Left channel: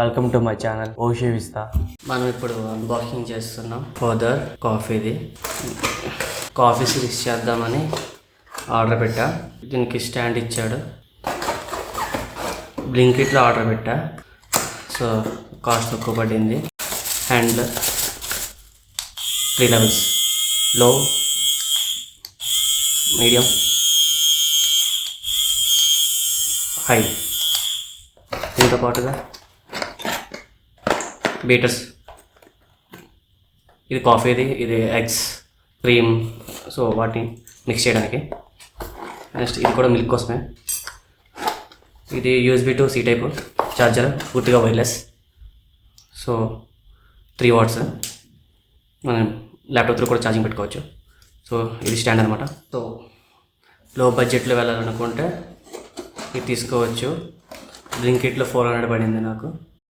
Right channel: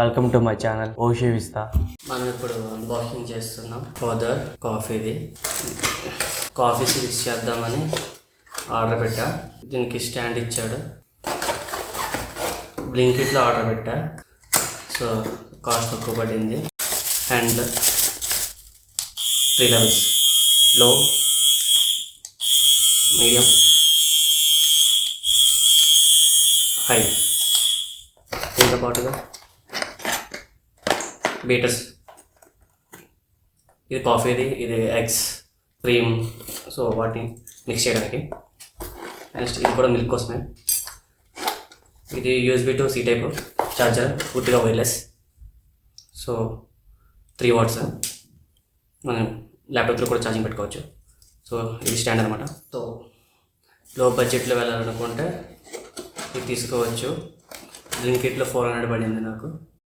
Welcome to my channel ఓషి విస్తా. మనం ఇప్పుడు అన్బాక్సింగ్ చేస్తున్నాం ఫర్దర్ కాఫీది. కాఫీ స్విచ్ చేద్దామని ఆర్డర్ పెట్టా. దీనికి స్టాండ్ ఇచ్చాడు. బ్లింకిట్లో ఆర్డర్ పెట్టా, సో కాస్ట్ తక్కువ పడింది. And 3 levels, low, medium, high. దీంతో పాటుగా బీటర్స్, ఇది కాఫీది, ఇది ఎగ్స్, క్రీమ్, సో వాటిని మిక్స్ చేయడానికి. నెక్స్ట్ ఇది కూడా మిల్క్ కోసమే. ఇది USB to C type charger, పూర్తిగా వైర్లెస్. So 3 watts. మనం ల్యాప్టాప్లో కూడా ఛార్జింగ్ పెట్టుకోవచ్చు. సో ఇది స్టాండ్ అనమాట. సో లో బడ్జెట్లో వెళ్ళాలనుకుంటే ఇది తీసుకోవచ్చు. బ్లింకిట్లో 400 పడింది నాకు.